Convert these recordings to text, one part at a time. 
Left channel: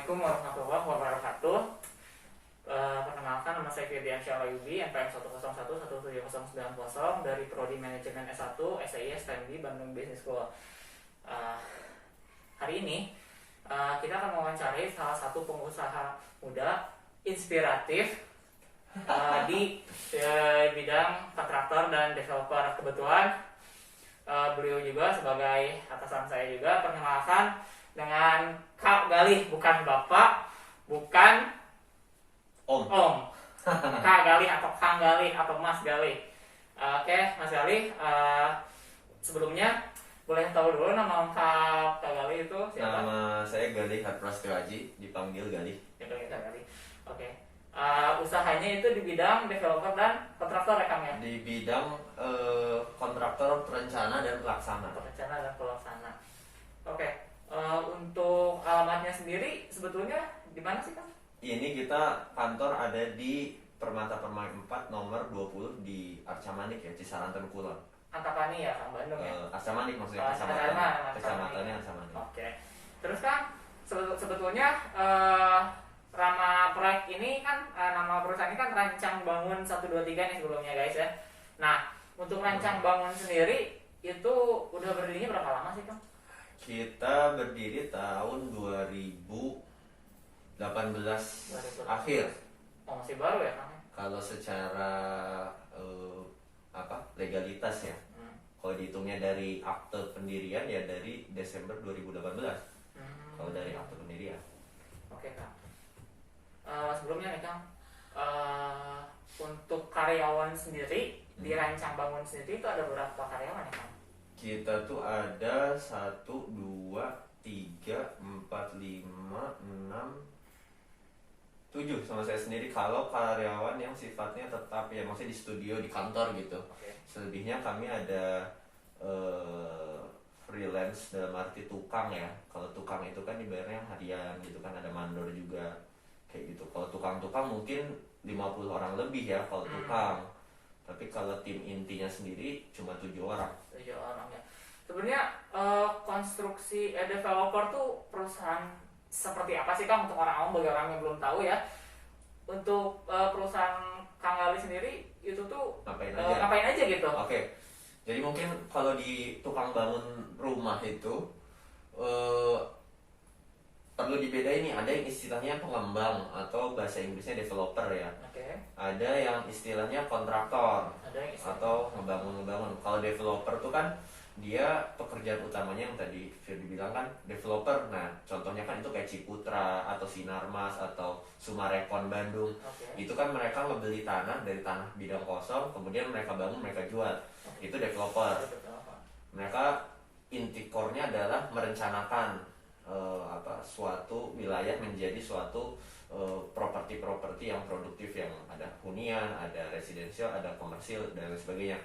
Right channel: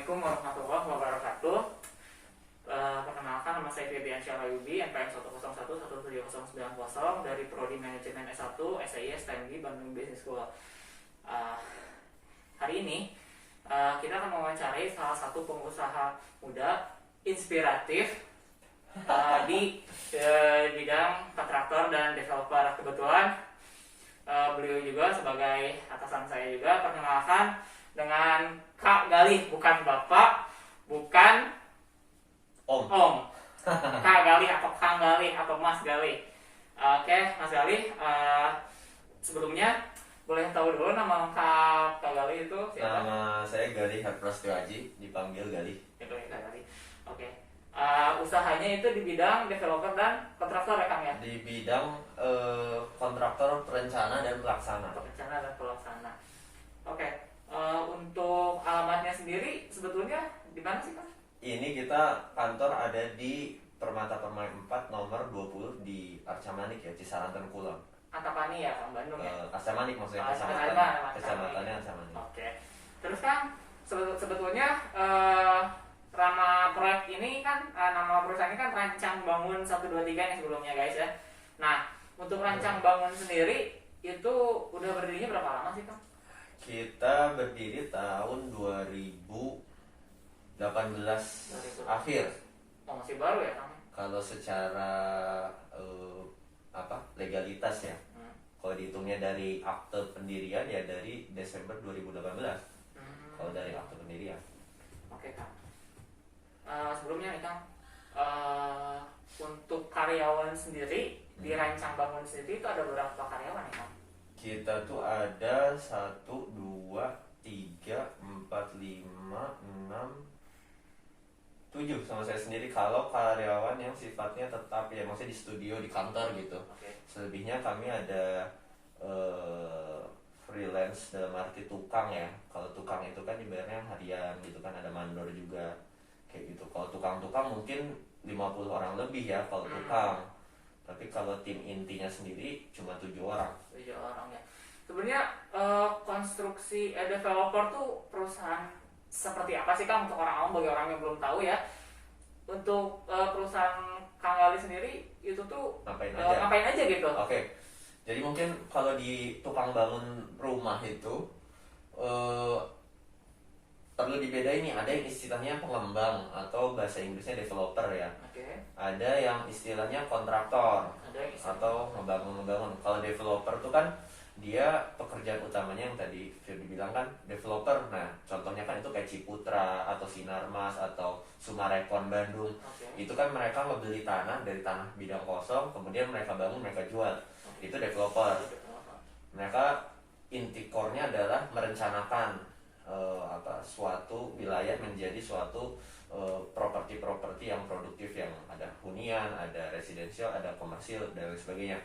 Assalamualaikum warahmatullahi wabarakatuh. Perkenalkan, nama saya Firdiansyah Layubi, NPM 1011790 dari Prodi Manajemen S1 SIS STMG Bandung Business School. Hari ini kita akan mewawancarai salah satu pengusaha muda inspiratif di bidang kontraktor dan developer. Kebetulan beliau juga sebagai atasan saya juga. Perkenalkan dengan Kak Galih, bukan Bapak, bukan Om. Kak Galih atau Kang Galih atau Mas Galih. Oke, Mas Galih, sebelumnya boleh tahu dulu nama lengkap Kak Galih itu siapa? Nama saya Galih Harprastyo Aji, dipanggil Galih. Kak Galih. Oke. Usahanya itu di bidang developer dan kontraktor ya Kang ya? Di bidang kontraktor perencana dan pelaksana. Perencana dan pelaksana. Oke. Untuk alamatnya sendiri sebetulnya di mana sih Kang? Ini kita kantor ada di Permata Permai 4 nomor 20 di Arca Manik ya, Cisaran Kulon. Antapani ya Kang, Bandung ya? Arca Manik maksudnya, kecamatannya Arca Manik. Oke. Terus Kang, sebetulnya Rama Proyek ini kan nama perusahaan ini kan Rancang Bangun 123 nih sebelumnya guys ya. Nah, untuk Rancang Bangun sendiri itu udah berdirinya berapa lama sih Kang? Kita berdiri tahun 2018 akhir. Oh, masih baru ya Kang? Kalau secara legalitas ya. Kalau dihitungnya dari akte pendirian ya dari Desember 2018. Kalau dari akte pendirian. Oke Kang. Sebelumnya nih Kang, untuk karyawan sendiri di Rancang Bangun sendiri itu ada berapa karyawan nih Kang? Kita tuh ada 1, 2, 3, 4, 5, 6, 7 sama saya sendiri. Kalau karyawan yang sifatnya tetap ya, maksudnya di studio, di kantor gitu. Okay. Selebihnya kami ada freelance dalam arti tukang ya. Kalau tukang itu kan dibayarnya harian gitu kan, ada mandor juga kayak gitu. Kalau tukang-tukang mungkin 50 orang lebih ya kalau tukang. Tapi kalau tim intinya sendiri cuma 7 orang. 7 orang ya. Sebenarnya konstruksi developer tuh perusahaan seperti apa sih Kang untuk orang awam, bagi orang yang belum tahu ya. Untuk perusahaan Kang Gali sendiri itu tuh ngapain aja gitu? Oke. Jadi mungkin kalau di tukang bangun rumah itu perlu dibedain nih, ada yang istilahnya pengembang atau bahasa Inggrisnya developer ya. Okay. Ada yang istilahnya kontraktor atau ngebangun. Kalau developer tuh kan dia pekerjaan utamanya yang tadi Firdi bilang kan developer. Nah, contohnya kan itu kayak Ciputra atau Sinarmas atau Sumarekon Bandung. Okay. Itu kan mereka membeli tanah dari tanah bidang kosong, kemudian mereka bangun, mereka jual. Okay. Itu developer. Mereka inti core-nya adalah merencanakan suatu wilayah menjadi suatu properti yang produktif, yang ada hunian, ada residensial, ada komersil dan lain sebagainya.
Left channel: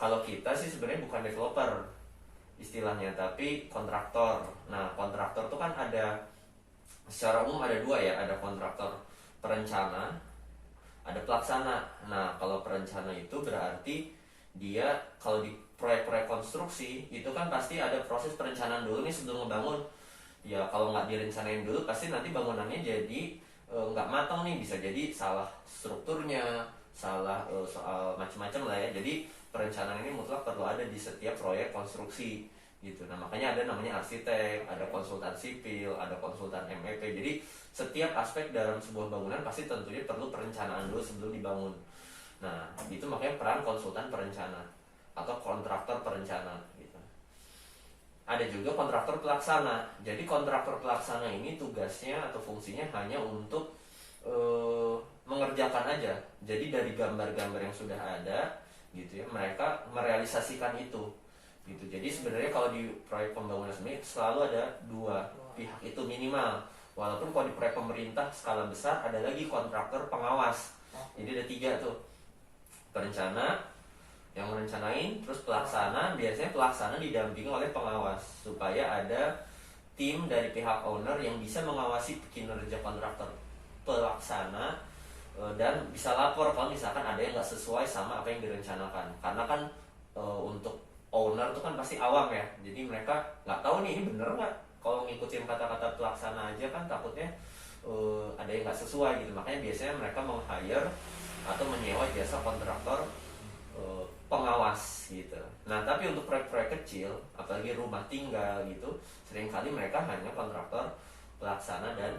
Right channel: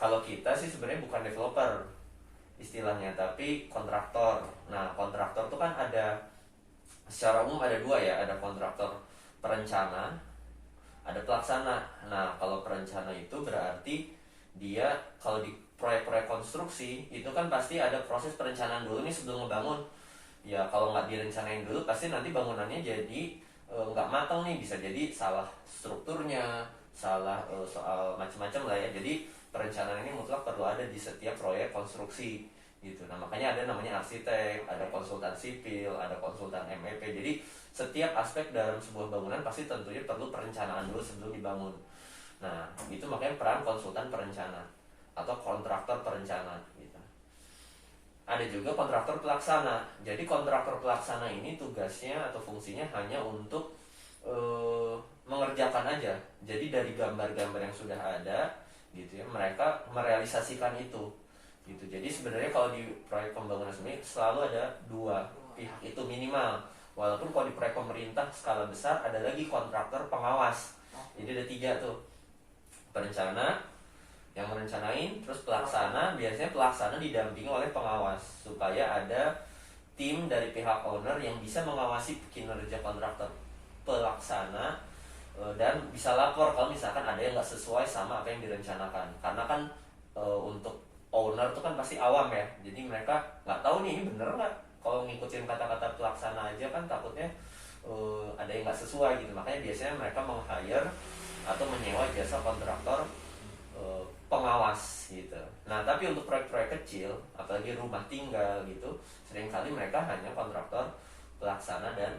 Kalau kita sih sebenarnya bukan developer istilahnya, tapi kontraktor. Nah, kontraktor itu kan ada secara umum ada 2 ya, ada kontraktor perencana, ada pelaksana. Nah, kalau perencana itu berarti dia kalau di proyek-proyek konstruksi itu kan pasti ada proses perencanaan dulu nih sebelum ngebangun. Ya kalau nggak direncanain dulu pasti nanti bangunannya jadi nggak matang nih, bisa jadi salah strukturnya, salah soal macam-macam lah ya. Jadi perencanaan ini mutlak perlu ada di setiap proyek konstruksi gitu. Nah makanya ada namanya arsitek, ada konsultan sipil, ada konsultan MEP. Jadi setiap aspek dalam sebuah bangunan pasti tentunya perlu perencanaan dulu sebelum dibangun. Nah itu makanya peran konsultan perencana atau kontraktor perencana gitu. Ada juga kontraktor pelaksana. Jadi kontraktor pelaksana ini tugasnya atau fungsinya hanya untuk mengerjakan aja. Jadi dari gambar-gambar yang sudah ada gitu ya, mereka merealisasikan itu gitu. Jadi sebenarnya kalau di proyek pembangunan sendiri selalu ada 2 pihak itu minimal. Walaupun kalau di proyek pemerintah skala besar ada lagi kontraktor pengawas. Jadi ada 3 tuh. Perencana yang merencanain, terus pelaksana. Biasanya pelaksana didampingi oleh pengawas supaya ada tim dari pihak owner yang bisa mengawasi kinerja kontraktor pelaksana dan bisa lapor kalau misalkan ada yang nggak sesuai sama apa yang direncanakan. Karena kan untuk owner tuh kan pasti awam ya, jadi mereka nggak tahu nih ini bener nggak kalau ngikutin kata-kata pelaksana aja kan takutnya ada yang nggak sesuai gitu, makanya biasanya mereka meng-hire atau menyewa jasa kontraktor pengawas gitu. Nah tapi untuk proyek-proyek kecil, apalagi rumah tinggal gitu, seringkali mereka hanya kontraktor pelaksana dan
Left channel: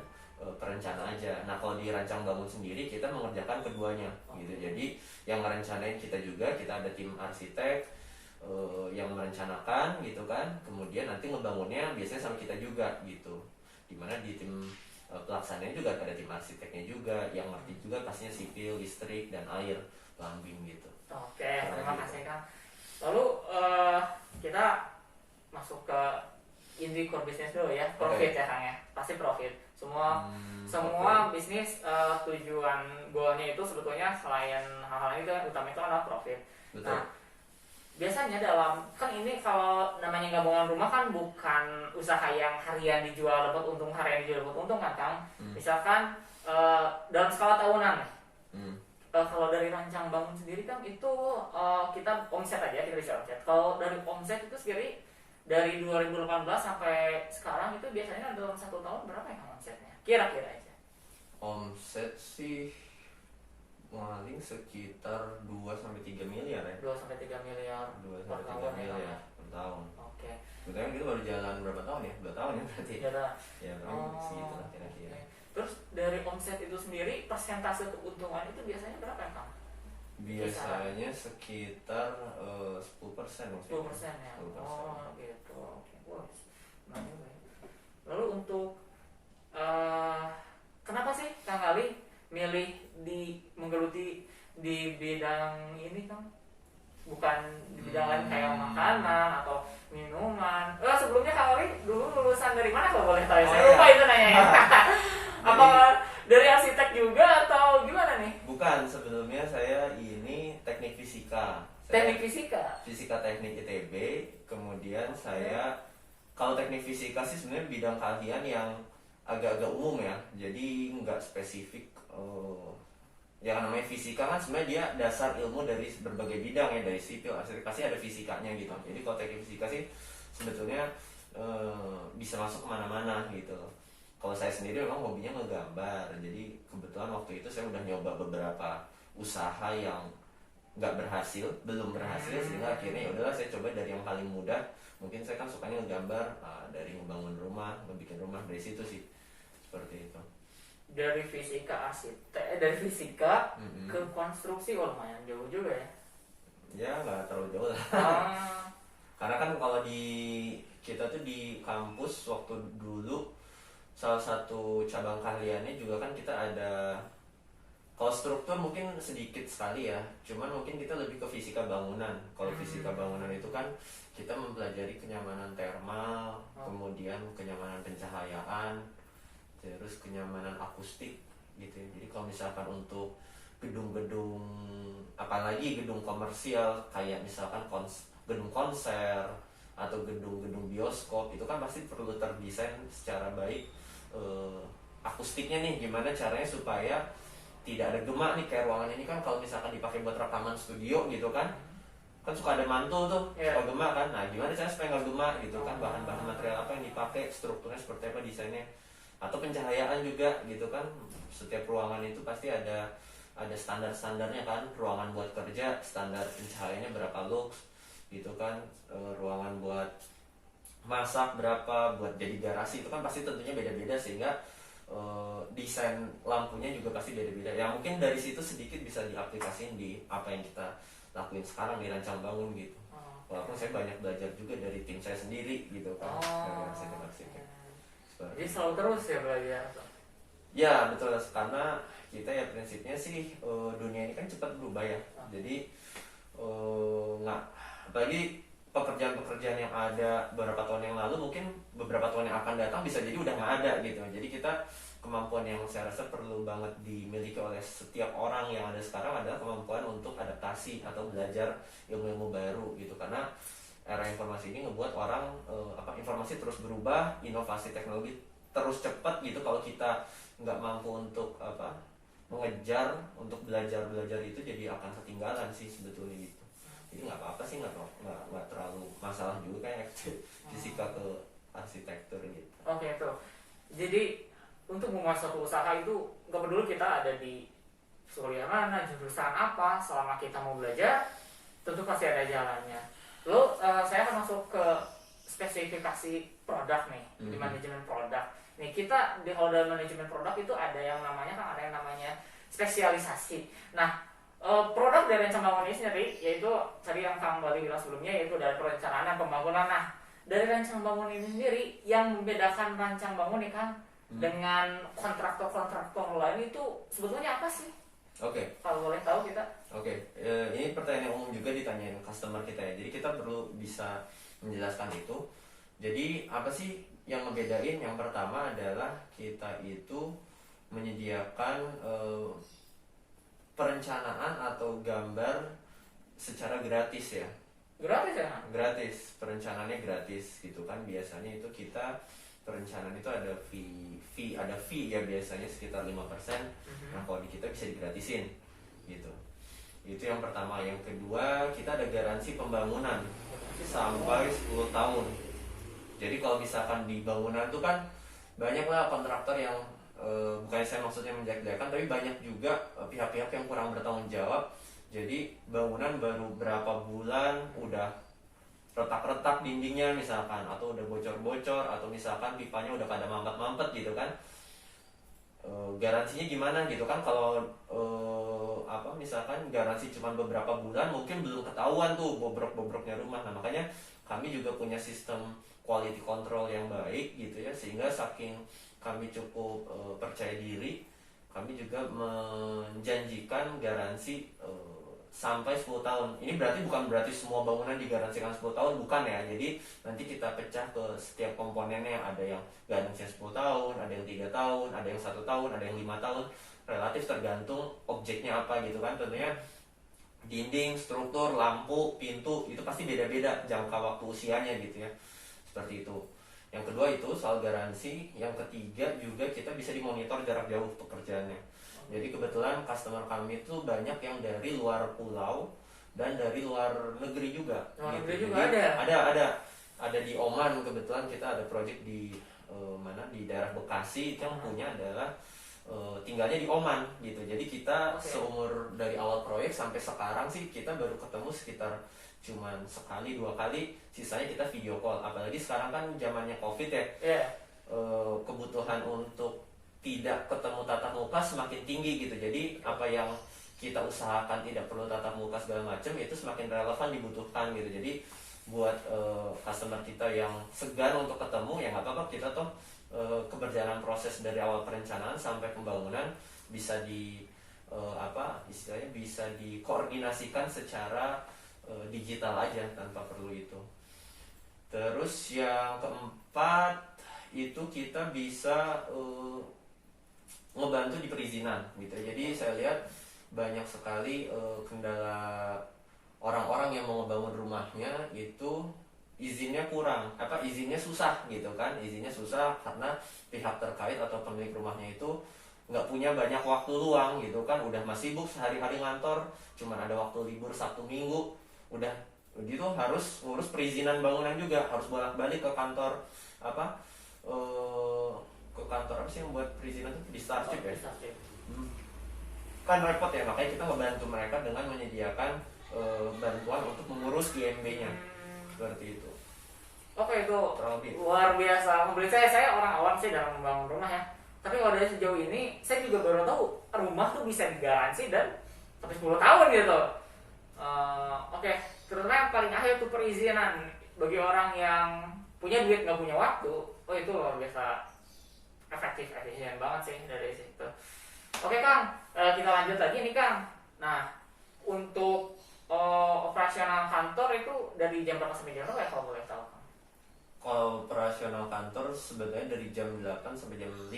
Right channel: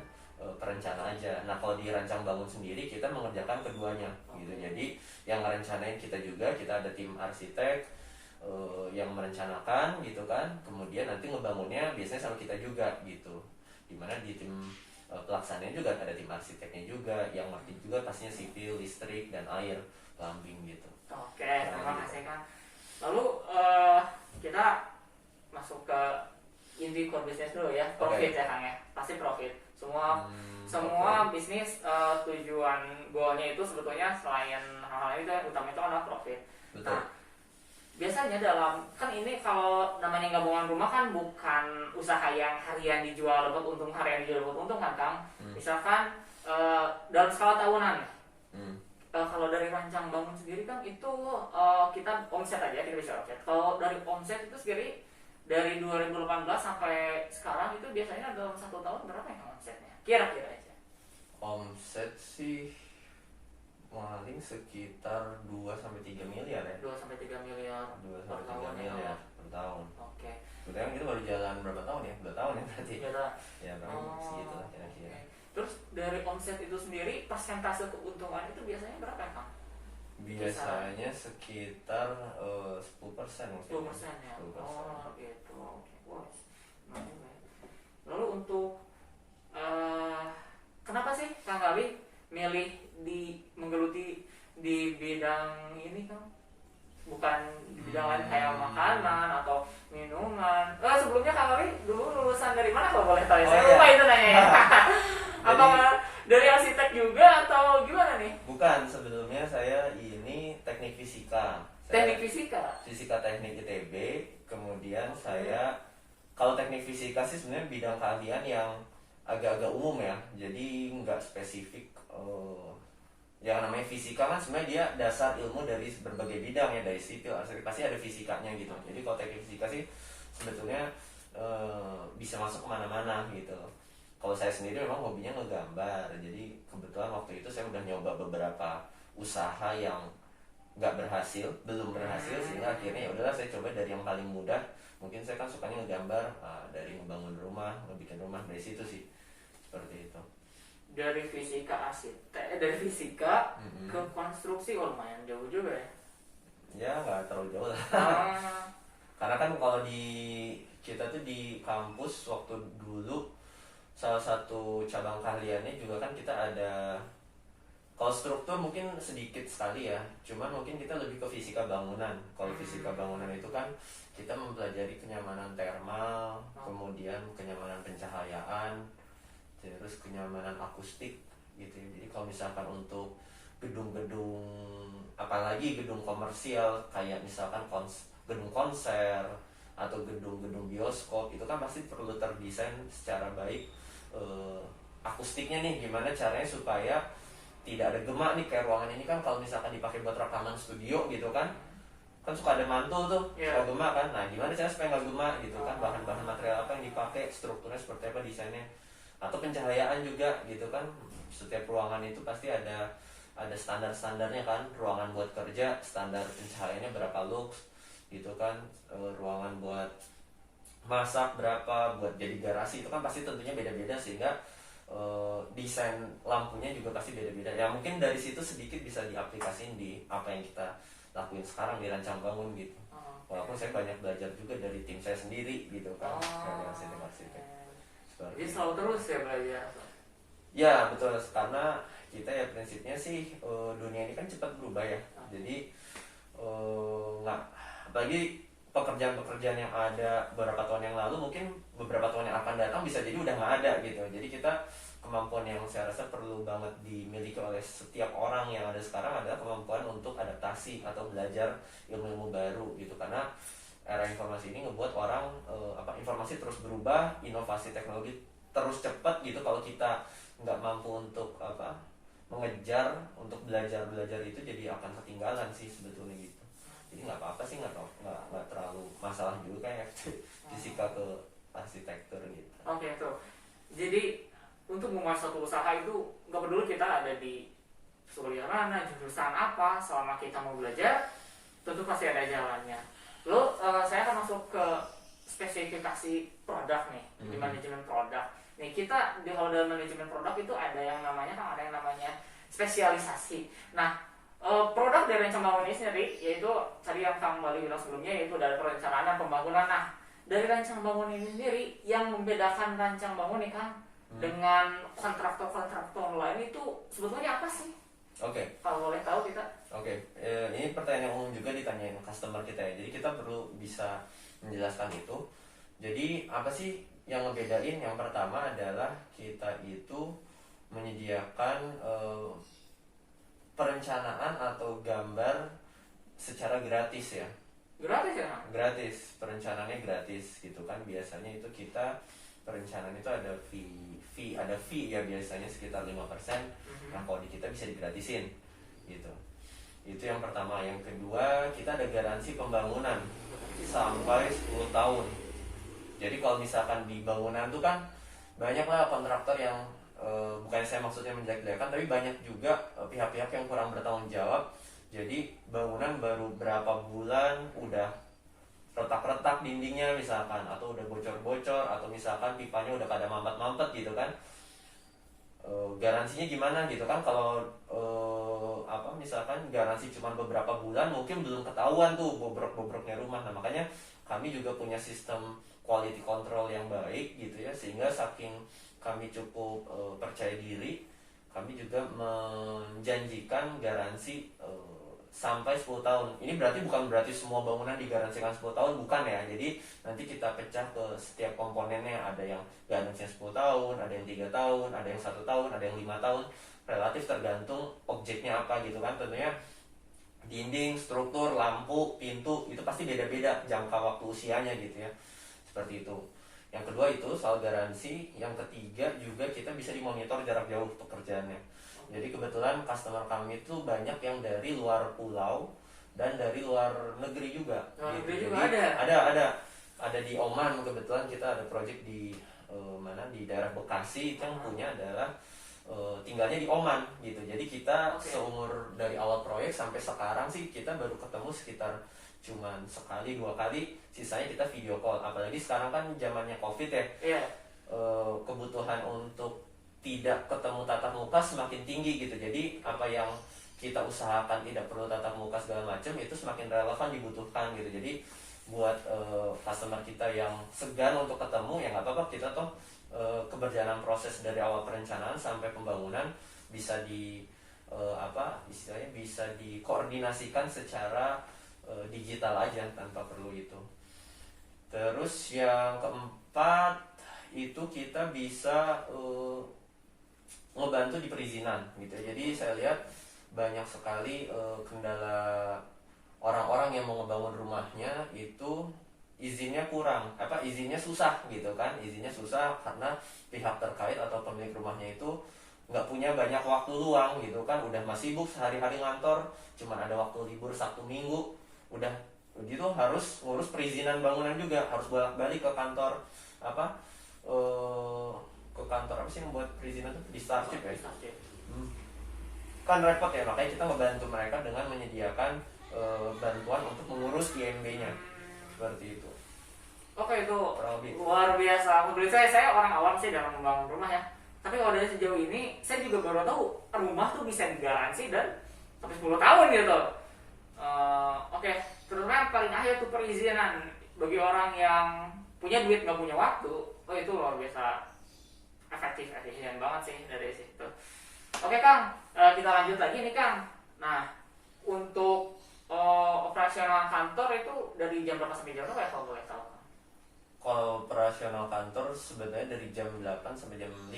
perencana aja. Nah kalau di rancang bangun sendiri kita mengerjakan keduanya gitu. Jadi yang merencanain kita juga, kita ada tim arsitek yang merencanakan gitu kan. Kemudian nanti ngebangunnya biasanya sama kita juga gitu. Dimana di tim pelaksananya juga ada tim arsiteknya juga yang ngerti juga pastinya sipil, listrik dan air, plumbing gitu. Oke, terima kasih Kang. Lalu kita masuk ke inti core business dulu ya, profit ya Kang ya, pasti profit. Semua bisnis tujuan goalnya itu sebetulnya selain hal-hal itu yang utama itu adalah profit. Betul. Nah, biasanya dalam kan ini kalau namanya gabungan rumah kan bukan usaha yang harian dijual dapat untung, harian dijual dapat untung kan Kang. Misalkan dalam skala tahunan. Kalau dari rancang bangun sendiri kan itu kita omset aja, kita bisa omset. Kalau dari omset itu sendiri dari 2018 sampai sekarang itu biasanya dalam 1 tahun berapa ya omsetnya? Kira-kira aja. Omset sih paling sekitar 2-3 miliar ya. 2-3 miliar 2-3 per tahun miliar ya. per tahun. Oke. Kita kan kita baru jalan berapa tahun ya? 2 tahun ya berarti. Ya, segitu lah kira-kira. Terus dari omset itu sendiri persentase keuntungan itu biasanya berapa ya Kang? Biasanya sekitar 10% mungkin. 10% ya. 10%. Oh gitu. Oke. Wah, lumayan baik. Lalu untuk kenapa sih Kang Ali milih menggeluti di bidang ini Kang? Bukan di bidang lain kayak makanan atau minuman. Sebelumnya Kang Ali dulu lulusan dari mana kalau boleh tahu? Saya lupa itu nanya ya. Apa dari arsitek juga atau gimana nih? Bukan, sebelumnya saya ini teknik fisika. Teknik fisika? Fisika teknik ITB. Kemudian saya, kalau teknik fisika sih sebenarnya bidang keahlian yang agak-agak umum ya. Jadi nggak spesifik. Yang namanya fisika kan sebenarnya dia dasar ilmu dari berbagai bidang ya, dari sipil, arsitek pasti ada fisikanya gitu. Jadi kalau teknik fisika sih sebetulnya bisa masuk kemana-mana gitu. Kalau saya sendiri memang hobinya ngegambar, jadi kebetulan waktu itu saya udah nyoba beberapa usaha yang nggak berhasil, belum berhasil, sehingga akhirnya ya udahlah saya coba dari yang paling mudah. Mungkin saya kan sukanya ngegambar, dari ngebangun rumah, ngebikin rumah, dari situ sih seperti itu. Dari fisika dari fisika ke konstruksi, lumayan jauh juga ya? Ya nggak terlalu jauh lah. Karena kan kalau di kita tuh di kampus waktu dulu salah satu cabang keahliannya juga kan kita ada, kalau struktur mungkin sedikit sekali ya, cuman mungkin kita lebih ke fisika bangunan. Kalau fisika bangunan itu kan kita mempelajari kenyamanan termal, kemudian kenyamanan pencahayaan, terus kenyamanan akustik gitu. Jadi kalau misalkan untuk gedung-gedung, apalagi gedung komersial kayak misalkan gedung konser atau gedung-gedung bioskop, itu kan pasti perlu terdesain secara baik akustiknya nih, gimana caranya supaya tidak ada gema nih. Kayak ruangan ini kan kalau misalkan dipakai buat rekaman studio gitu kan suka ada mantul tuh, suka gema kan. Nah gimana caranya supaya nggak gema gitu kan, bahan-bahan material apa yang dipakai, strukturnya seperti apa, desainnya, atau pencahayaan juga gitu kan. Setiap ruangan itu pasti ada standar-standarnya kan. Ruangan buat kerja standar pencahayaannya berapa lux gitu kan, ruangan buat masak berapa, buat jadi garasi itu kan pasti tentunya beda-beda, sehingga desain lampunya juga pasti beda-beda ya. Mungkin dari situ sedikit bisa diaplikasiin di apa yang kita lakuin sekarang di rancang bangun gitu. Walaupun saya banyak belajar juga dari tim saya sendiri gitu kan. Jadi selalu terus ya belajar. Ya betul, karena kita ya prinsipnya sih dunia ini kan cepat berubah ya. Jadi nggak, apalagi pekerjaan-pekerjaan yang ada beberapa tahun yang lalu mungkin beberapa tahun yang akan datang bisa jadi udah nggak ada gitu. Jadi kita, kemampuan yang saya rasa perlu banget dimiliki oleh setiap orang yang ada sekarang adalah kemampuan untuk adaptasi atau belajar ilmu-ilmu baru gitu. Karena era informasi ini ngebuat orang informasi terus berubah, inovasi teknologi terus cepat gitu. Kalau kita nggak mampu untuk mengejar untuk belajar itu, jadi akan ketinggalan sih sebetulnya gitu. Jadi nggak apa-apa sih, nggak terlalu masalah juga kayak fisika ke arsitektur gitu. Oke tuh. Jadi untuk memulai suatu usaha itu nggak peduli kita ada di kuliah mana, jurusan apa, selama kita mau belajar, tentu pasti ada jalannya. Lalu saya akan masuk ke spesifikasi produk nih, di manajemen produk. Nih kita di kalau dalam manajemen produk itu ada yang namanya spesialisasi. Nah, produk dari rancang bangun ini sendiri, yaitu tadi yang Kang Bali bilang sebelumnya, yaitu dari perencanaan dan pembangunan. Nah, dari rancang bangun ini sendiri yang membedakan rancang bangun nih Kang dengan kontraktor lain itu sebetulnya apa sih? Oke. Kalau boleh tahu kita. Oke. Ini pertanyaan umum juga ditanyain customer kita ya. Jadi kita perlu bisa menjelaskan itu. Jadi apa sih yang ngebedain? Yang pertama adalah kita itu menyediakan perencanaan atau gambar secara gratis ya. Gratis ya? Gratis, perencanaannya gratis gitu kan. Biasanya itu kita perencanaan itu ada fee ya, biasanya sekitar 5%. Nah kalau di kita bisa digratisin gitu. Itu yang pertama. Yang kedua, kita ada garansi pembangunan sampai 10 tahun. Jadi kalau misalkan di bangunan tuh kan banyak lah kontraktor yang bukan saya maksudnya menjelek-jelekan, tapi banyak juga pihak-pihak yang kurang bertanggung jawab. Jadi bangunan baru berapa bulan udah retak-retak dindingnya misalkan, atau udah bocor-bocor, atau misalkan pipanya udah pada mampet-mampet gitu kan. Garansinya gimana gitu kan? Kalau misalkan garansi cuma beberapa bulan, mungkin belum ketahuan tuh bobrok-bobroknya rumah. Nah makanya kami juga punya sistem quality control yang baik gitu ya, sehingga saking kami cukup percaya diri, kami juga menjanjikan garansi sampai 10 tahun. Ini bukan berarti semua bangunan digaransikan 10 tahun, bukan ya. Jadi nanti kita pecah ke setiap komponennya. Ada yang garansinya 10 tahun, ada yang 3 tahun, ada yang 1 tahun, ada yang 5 tahun. Relatif tergantung objeknya apa gitu kan. Tentunya dinding, struktur, lampu, pintu itu pasti beda-beda jangka waktu usianya gitu ya. Seperti itu. Yang kedua itu soal garansi. Yang ketiga juga kita bisa dimonitor jarak jauh pekerjaannya. Jadi kebetulan customer kami itu banyak yang dari luar pulau dan dari luar negeri juga. Negeri juga ada di Oman. Kebetulan kita ada project di di daerah Bekasi, yang punya adalah tinggalnya di Oman gitu. Jadi kita seumur dari awal proyek sampai sekarang sih kita baru ketemu sekitar cuman sekali 2 kali, sisanya kita video call. Apalagi sekarang kan zamannya COVID ya. Kebutuhan untuk tidak ketemu tatap muka semakin tinggi gitu. Jadi apa yang kita usahakan tidak perlu tatap muka segala macam itu semakin relevan dibutuhkan gitu. Jadi buat customer kita yang segan untuk ketemu, ya nggak apa-apa, kita tuh keberjalanan proses dari awal perencanaan sampai pembangunan bisa istilahnya bisa dikoordinasikan secara digital aja tanpa perlu itu. Terus yang keempat itu kita bisa ngebantu di perizinan gitu. Jadi saya lihat banyak sekali kendala orang-orang yang mau ngebangun rumahnya itu izinnya kurang, izinnya susah gitu kan. Izinnya susah karena pihak terkait atau pemilik rumahnya itu nggak punya banyak waktu luang gitu kan. Udah masih sibuk sehari-hari ngantor, cuman ada waktu libur Sabtu Minggu, udah gitu harus ngurus perizinan bangunan juga, harus bolak-balik ke kantor ke kantor apa sih membuat perizinan itu di Starship ya. Kan repot ya, makanya kita membantu mereka dengan menyediakan bantuan untuk mengurus IMB-nya seperti itu. Oke, itu luar biasa. Menurut saya orang awam sih dalam membangun rumah ya. Tapi kalau dari sejauh ini saya juga baru tahu rumah tuh bisa digaransi dan sampai 10 tahun gitu. Oke, terutama yang paling akhir tuh perizinan bagi orang yang punya duit nggak punya waktu. Oh itu luar biasa efisien banget sih dari situ. Oke Kang, kita lanjut lagi nih Kang. Nah, untuk operasional kantor itu dari jam berapa sampai jam berapa ya kalau boleh tahu Kang? Kalau operasional kantor sebenarnya dari jam 8 sampai jam 5.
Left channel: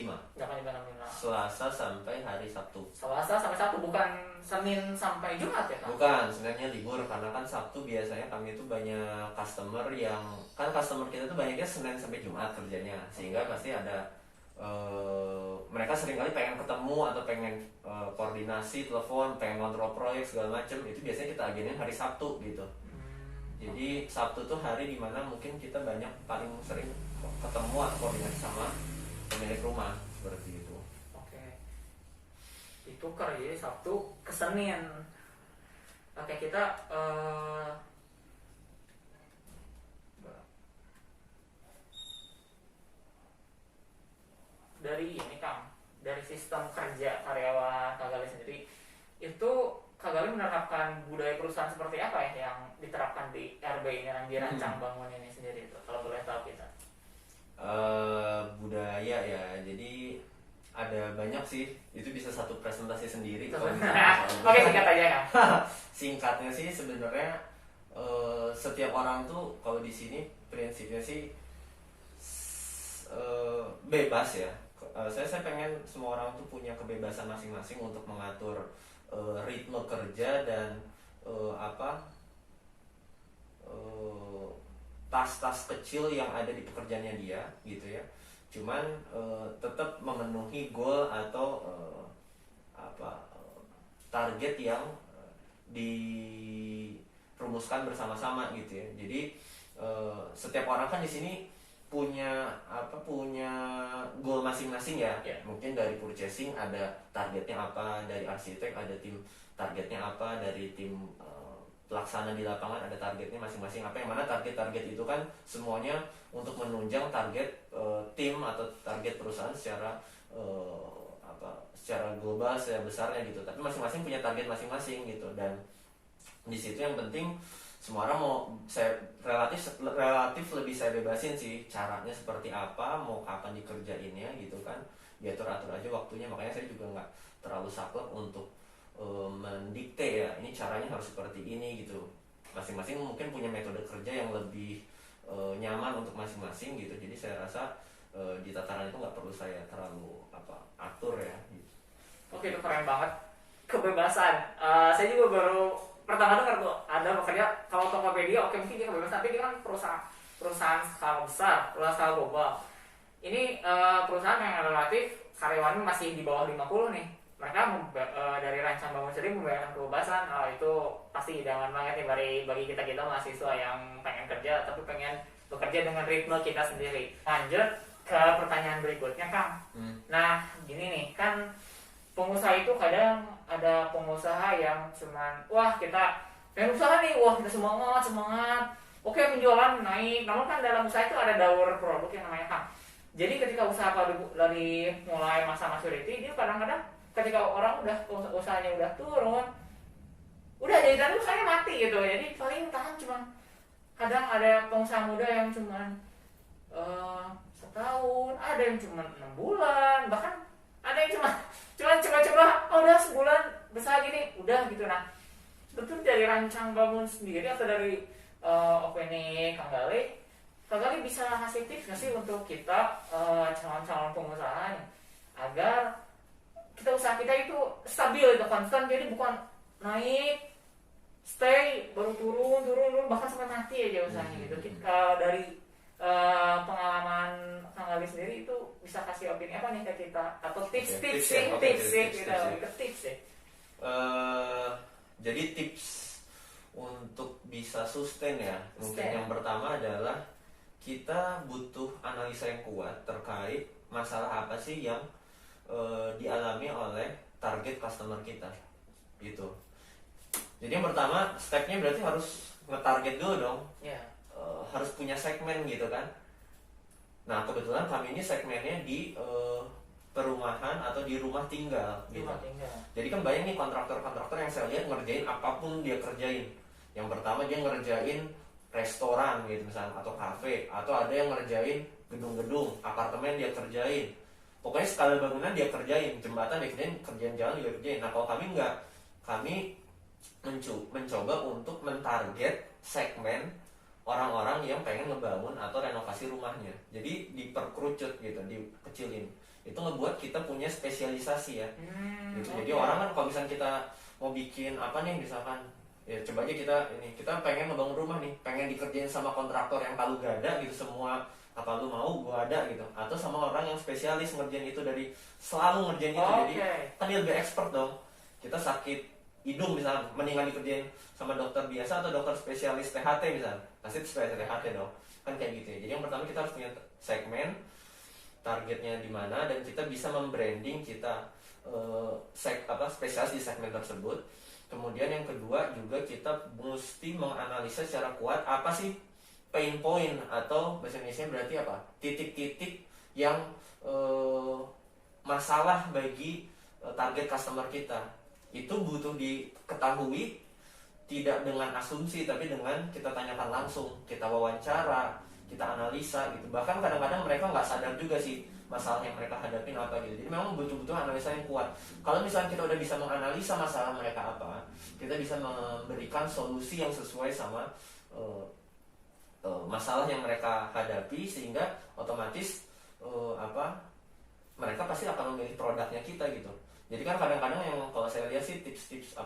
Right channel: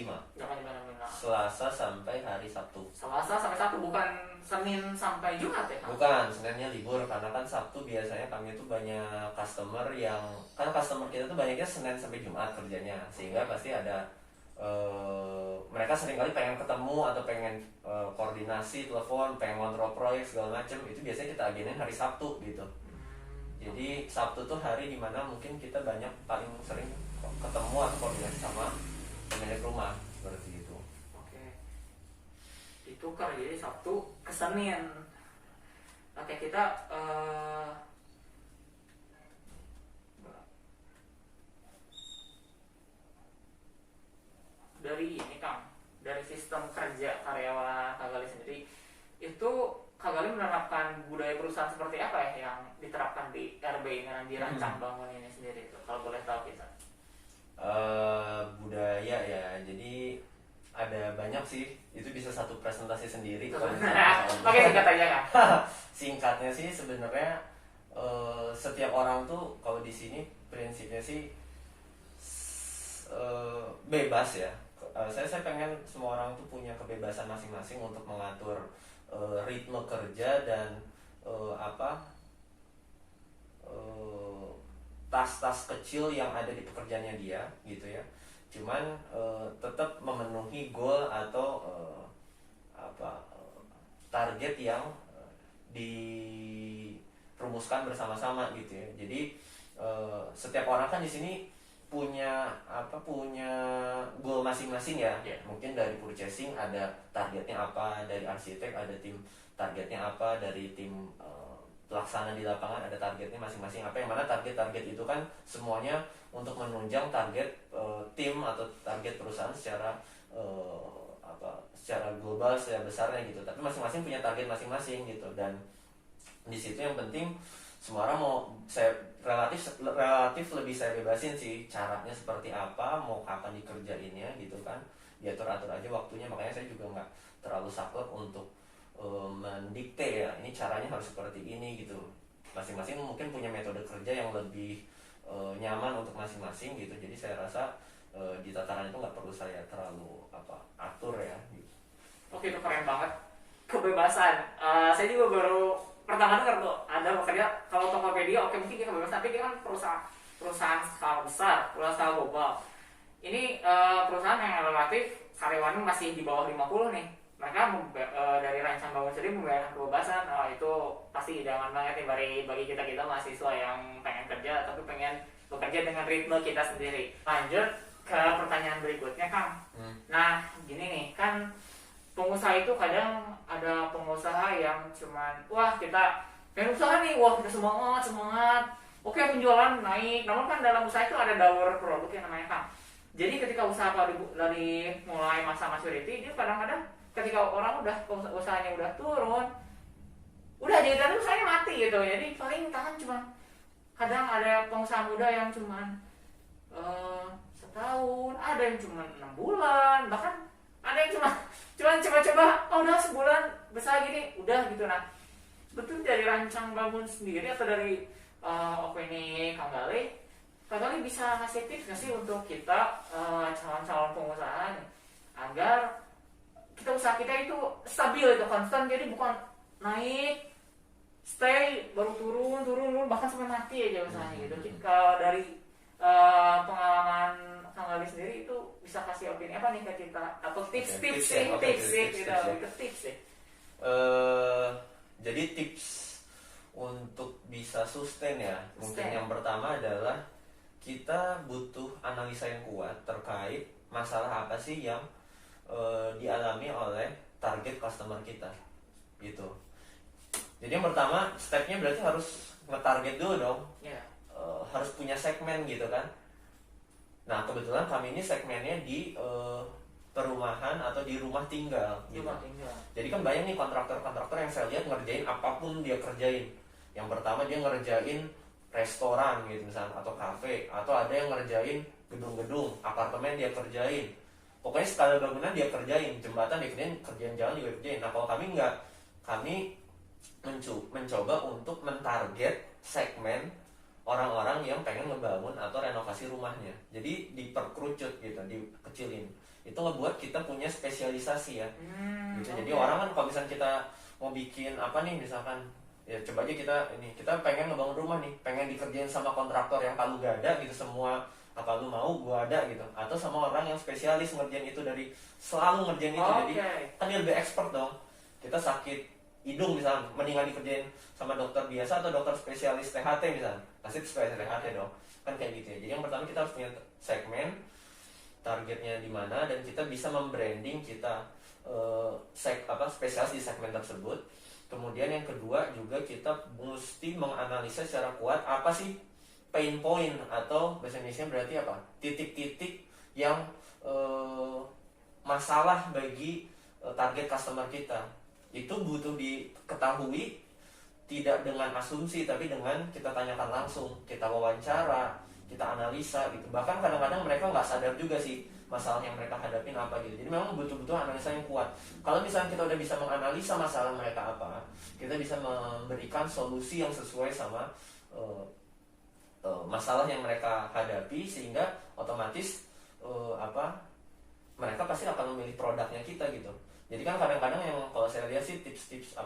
Selasa sampai hari Sabtu. Selasa sampai Sabtu, bukan Senin sampai Jumat ya Kang? Bukan, Seninnya libur karena kan Sabtu biasanya kami itu banyak customer customer kita tuh banyaknya Senin sampai Jumat kerjanya, sehingga pasti ada mereka seringkali pengen ketemu atau pengen koordinasi telepon, pengen kontrol proyek segala macam, itu biasanya kita agenin hari Sabtu gitu. Jadi Sabtu tuh hari dimana mungkin kita paling sering ketemu atau koordinasi sama pemilik rumah seperti itu. Oke. Ditukar jadi Sabtu ke Senin. Oke, kita dari ini Kang, dari sistem kerja karyawan Kak Gali sendiri, itu Kak Gali menerapkan budaya perusahaan seperti apa ya yang diterapkan di RB ini, yang dirancang bangun ini sendiri itu, kalau boleh tahu kita? Budaya ya, jadi ada banyak sih, itu bisa satu presentasi sendiri. Oke, singkat aja kan. Singkatnya sih sebenarnya setiap orang tuh kalau di sini prinsipnya sih bebas ya. Saya pengen semua orang tuh punya kebebasan masing-masing untuk mengatur ritme kerja dan tas-tas kecil yang ada di pekerjaannya dia gitu ya. Cuman tetap memenuhi goal atau target yang dirumuskan bersama-sama gitu ya. Jadi setiap orang kan di sini punya goal masing-masing ya. Mungkin dari purchasing ada targetnya apa, dari arsitek ada tim targetnya apa, dari tim pelaksana di lapangan ada targetnya masing-masing apa, yang mana target-target itu kan semuanya untuk menunjang target tim atau target perusahaan secara secara global, secara besarnya gitu. Tapi masing-masing punya target masing-masing gitu, dan di situ yang penting semua orang saya relatif lebih saya bebasin sih caranya seperti apa, mau kapan dikerjainnya gitu kan, diatur-atur aja waktunya. Makanya saya juga nggak terlalu saklek untuk mendikte ya ini caranya harus seperti ini gitu. Masing-masing mungkin punya metode kerja yang lebih nyaman untuk masing-masing gitu. Jadi saya rasa di tataran itu nggak perlu saya terlalu atur ya gitu. Oke, itu keren banget, kebebasan. Saya juga baru pertama dengar tuh ada bekerja kalau Tokopedia. Oke, mungkin dia kebebasan, tapi dia kan perusahaan skala besar, perusahaan skala global. Ini perusahaan yang relatif karyawannya masih di bawah 50 nih. Mereka dari rancang bangun sendiri membayarkan kebebasan. Itu pasti idaman banget nih bagi kita mahasiswa yang pengen kerja tapi pengen bekerja dengan ritme kita sendiri. Lanjut ke pertanyaan berikutnya, Kang. Nah, gini nih, kan pengusaha itu kadang ada pengusaha yang cuman kita pengen usaha nih, kita semangat, oke penjualan naik, namun kan dalam usaha itu ada daur produk yang namanya Kang. Jadi ketika usaha dari mulai masa maturity, dia kadang-kadang ketika orang usahanya udah turun, udah jadi tadi usahanya mati gitu. Jadi paling tahan cuma, kadang ada pengusaha muda yang cuman setahun, ada yang cuma 6 bulan, bahkan ada yang cuma coba-coba, udah sebulan besar gini, udah gitu. Nah, betul dari rancang bangun sendiri atau dari opini Kang Gali bisa ngasih tips nggak sih untuk kita calon-calon pengusaha nih, agar usaha kita itu stabil, itu konstan, jadi bukan naik, stay, baru turun, bahkan sampai mati aja usahanya gitu. Kalau dari pengalaman Kang Gali sendiri itu bisa kasih opini apa nih ke kita, atau tips ya. Jadi tips untuk bisa sustain ya, mungkin yang pertama adalah kita butuh analisa yang kuat terkait masalah apa sih yang dialami oleh target customer kita gitu. Jadi yang pertama stepnya berarti harus nge-target dulu dong. Harus punya segmen gitu kan. Nah kebetulan kami ini segmennya di perumahan atau di rumah tinggal gitu. Jadi kan banyak nih kontraktor yang saya lihat ngerjain apapun dia kerjain. Yang pertama dia ngerjain restoran gitu misalnya, atau kafe, atau ada yang ngerjain gedung-gedung, apartemen dia kerjain. Pokoknya skala bangunan dia kerjain, jembatan dia kerjain jalan juga kerjain. Nah kalau kami enggak, kami mencoba untuk mentarget segmen orang-orang yang pengen ngebangun atau renovasi rumahnya. Jadi diperkerucut gitu, dikecilin. Itu ngebuat kita punya spesialisasi ya. Gitu. Jadi orang kan kalau misalnya kita mau bikin apa nih, misalkan ya coba aja kita pengen ngebangun rumah nih, pengen dikerjain sama kontraktor yang palu gada gitu, semua apa lu mau gua ada gitu, atau sama orang yang spesialis ngerjain itu, dari selalu ngerjain itu. Jadi kan dia lebih expert dong. Kita sakit hidung misalnya, mendingan dikerjain sama dokter biasa atau dokter spesialis THT misalnya, pasti spesialis THT dong, kan kayak gitu ya. Jadi yang pertama kita harus punya segmen targetnya di mana, dan kita bisa membranding kita spesialis di segmen tersebut. Kemudian yang kedua juga kita mesti menganalisa secara kuat apa sih pain point, atau bahasa Indonesia berarti apa, titik-titik yang masalah bagi target customer kita. Itu butuh diketahui tidak dengan asumsi, tapi dengan kita tanyakan langsung, kita wawancara, kita analisa gitu. Bahkan kadang-kadang mereka nggak sadar juga sih masalah yang mereka hadapin apa gitu. Jadi memang butuh-butuh analisa yang kuat. Kalau misalnya kita udah bisa menganalisa masalah mereka apa, kita bisa memberikan solusi yang sesuai sama masalah yang mereka hadapi, sehingga otomatis mereka pasti akan memilih produknya kita gitu. Jadi kan kadang-kadang yang kalau saya lihat sih tips-tips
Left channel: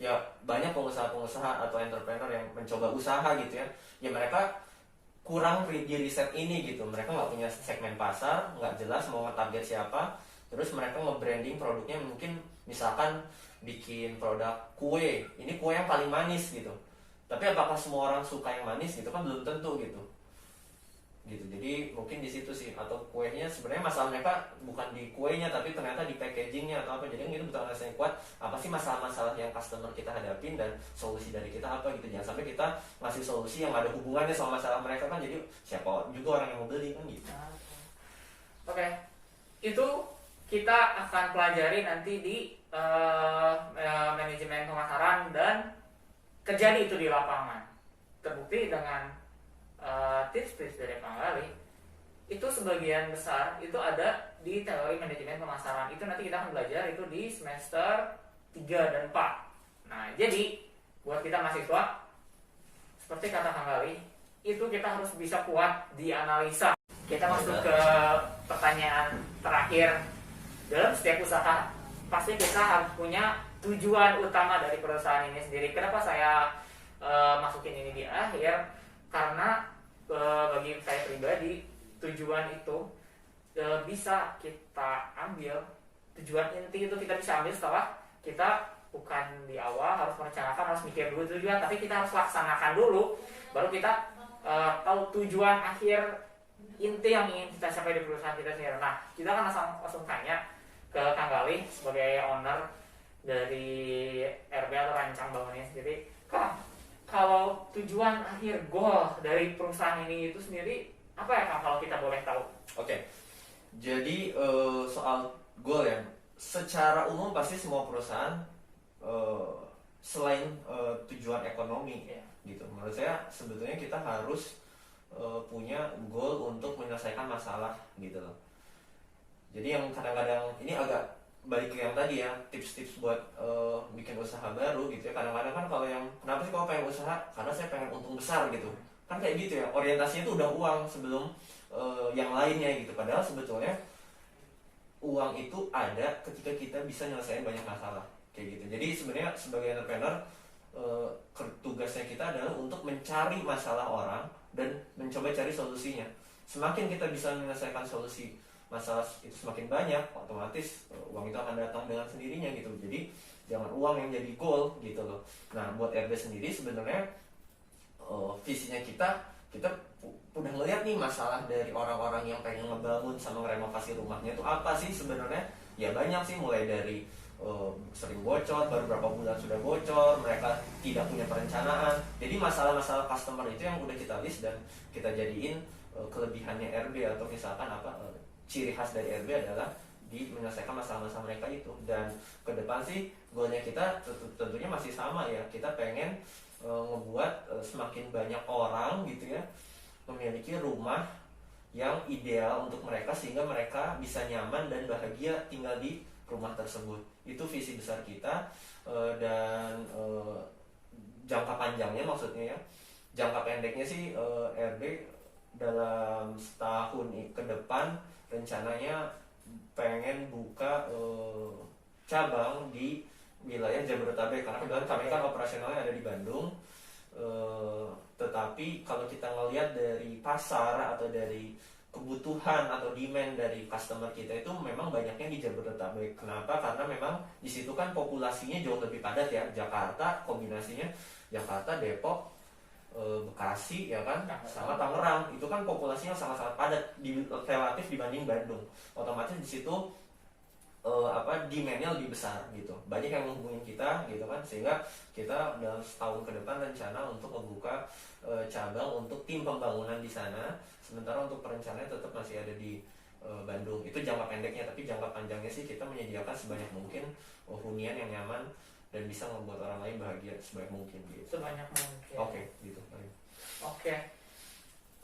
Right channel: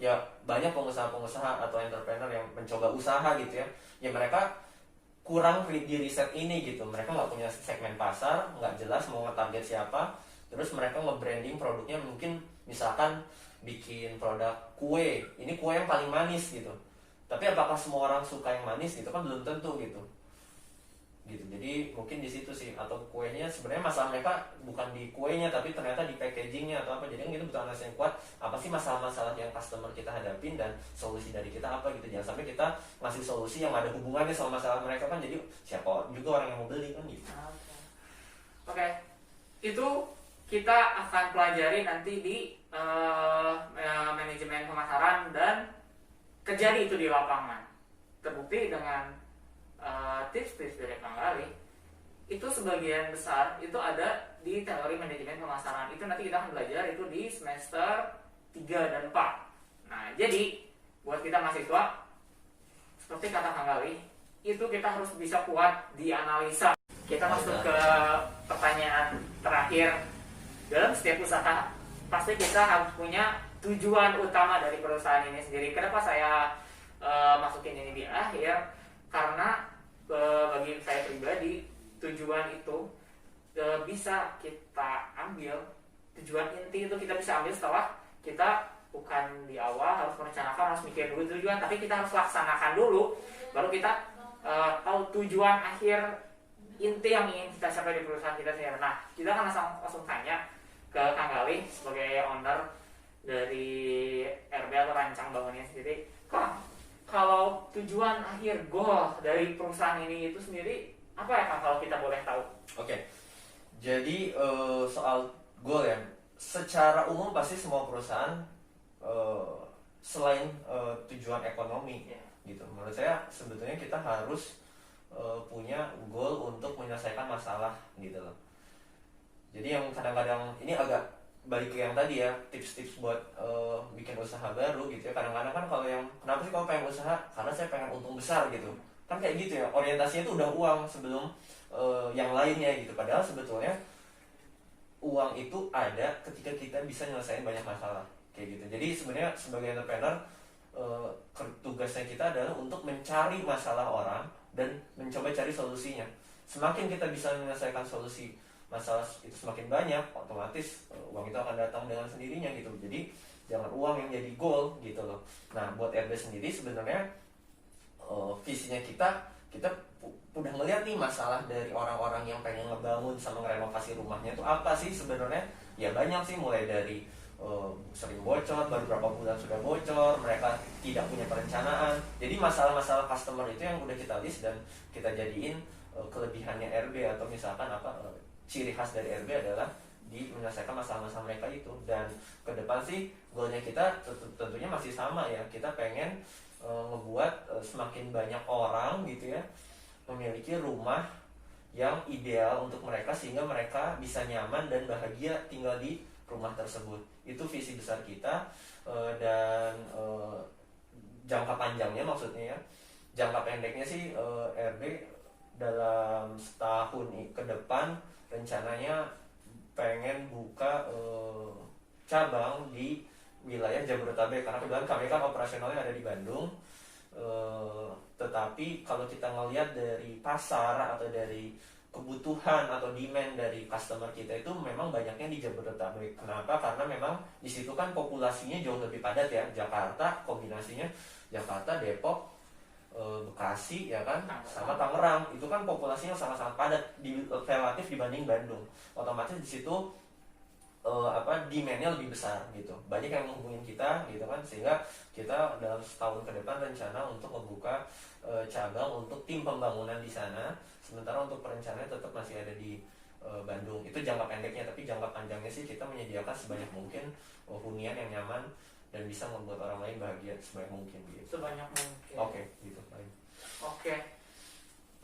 ya banyak pengusaha-pengusaha atau entrepreneur yang mencoba usaha gitu ya, ya mereka kurang di riset ini gitu. Mereka nggak punya segmen pasar, nggak jelas mau nge-target siapa, terus mereka nge-branding produknya, mungkin misalkan bikin produk kue, ini kue yang paling manis gitu, tapi apakah semua orang suka yang manis gitu kan belum tentu gitu. Jadi mungkin di situ sih, atau kuenya sebenarnya masalah mereka bukan di kuenya tapi ternyata di packagingnya atau apa. Jadi gitu butuh analisa yang kuat, apa sih masalah-masalah yang customer kita hadapin dan solusi dari kita apa gitu. Jangan sampai kita ngasih solusi yang ada hubungannya sama masalah mereka kan, jadi siapa juga orang yang mau beli kan gitu. Oke. Itu kita akan pelajari nanti di manajemen pemasaran, dan terjadi itu di lapangan. Terbukti dengan tips-tips dari Kang Gali itu sebagian besar itu ada di teori manajemen pemasaran. Itu nanti kita akan belajar itu di semester 3 dan 4. Nah, jadi buat kita mahasiswa, seperti kata Kang Gali, itu kita harus bisa kuat di analisa. Kita masuk ke pertanyaan terakhir. Dalam setiap usaha pasti kita harus punya tujuan utama dari perusahaan ini sendiri. Kenapa saya masukin ini di akhir? Karena bagi saya pribadi, tujuan itu bisa kita ambil, tujuan inti itu kita bisa ambil setelah kita bukan di awal harus merencanakan, harus mikir dulu tujuan, tapi kita harus laksanakan dulu, baru kita tahu tujuan akhir inti yang ingin kita capai di perusahaan kita sendiri. Nah, kita akan langsung tanya ke Kang Gali sebagai owner dari RB atau Rancang Bangunnya sendiri. Kang, kalau tujuan akhir goal dari perusahaan ini itu sendiri apa ya Kang, kalau kita boleh tahu? Oke. Jadi soal goal ya, secara umum pasti semua perusahaan selain tujuan ekonomi gitu. Menurut saya sebetulnya kita harus punya goal untuk menyelesaikan masalah gitu loh. Jadi yang kadang-kadang ini agak balik ke yang tadi ya, tips-tips buat bikin usaha baru gitu ya. Kadang-kadang kan kalau yang kenapa sih kamu pengen usaha, karena saya pengen untung besar gitu kan, kayak gitu ya, orientasinya itu udah uang sebelum yang lainnya gitu. Padahal sebetulnya uang itu ada ketika kita bisa nyelesain banyak masalah kayak gitu. Jadi sebenarnya sebagai entrepreneur tugasnya kita adalah untuk mencari masalah orang dan mencoba cari solusinya. Semakin kita bisa menyelesaikan solusi masalah itu semakin banyak, otomatis uang itu akan datang dengan sendirinya gitu. Jadi jangan uang yang jadi goal gitu loh. Nah, buat RB sendiri sebenarnya visinya kita udah ngeliat nih masalah dari orang-orang yang pengen ngebangun sama ngerenovasi rumahnya itu apa sih sebenarnya. Ya banyak sih, mulai dari sering bocor, baru berapa bulan sudah bocor, mereka tidak punya perencanaan. Jadi masalah-masalah customer itu yang udah kita list dan kita jadiin kelebihannya RB, atau misalkan ciri khas dari RB adalah di menyelesaikan masalah-masalah mereka itu. Dan ke depan sih goalnya kita tentunya masih sama ya, kita pengen ngebuat semakin banyak orang gitu ya memiliki rumah yang ideal untuk mereka, sehingga mereka bisa nyaman dan bahagia tinggal di rumah tersebut. Itu visi besar kita. Dan jangka panjangnya maksudnya ya, jangka pendeknya sih RB dalam setahun ke depan rencananya pengen buka cabang di wilayah Jabodetabek, karena kebetulan kami kan operasionalnya ada di Bandung. Tetapi kalau kita ngelihat dari pasar atau dari kebutuhan atau demand dari customer kita itu memang banyaknya di Jabodetabek. Kenapa? Karena memang di situ kan populasinya jauh lebih padat ya. Jakarta kombinasinya Jakarta, Depok, Bekasi ya kan, sama Tangerang. Itu kan populasinya sangat-sangat padat relatif dibanding Bandung. Otomatis di situ demandnya lebih besar gitu. Banyak yang menghubungin kita gitu kan, sehingga kita dalam setahun ke depan rencana untuk membuka cabang untuk tim pembangunan di sana. Sementara untuk perencanaan tetap masih ada di Bandung. Itu jangka pendeknya, tapi jangka panjangnya sih kita menyediakan sebanyak mungkin hunian yang nyaman dan bisa membuat orang lain bahagia sebanyak mungkin gitu. Sebanyak mungkin. Oke, gitu. Oke.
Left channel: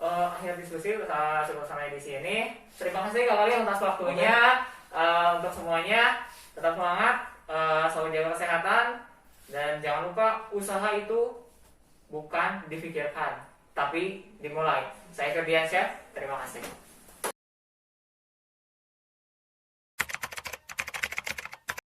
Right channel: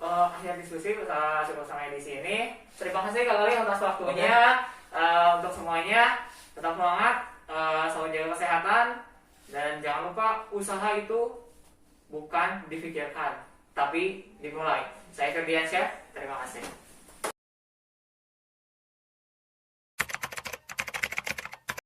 Akhir diskusi cukup sampai di sini. Terima kasih Kak Gali atas waktunya. Untuk semuanya tetap semangat, selalu jaga kesehatan, dan jangan lupa usaha itu bukan difikirkan tapi dimulai. Saya Ferdiansyah, terima kasih.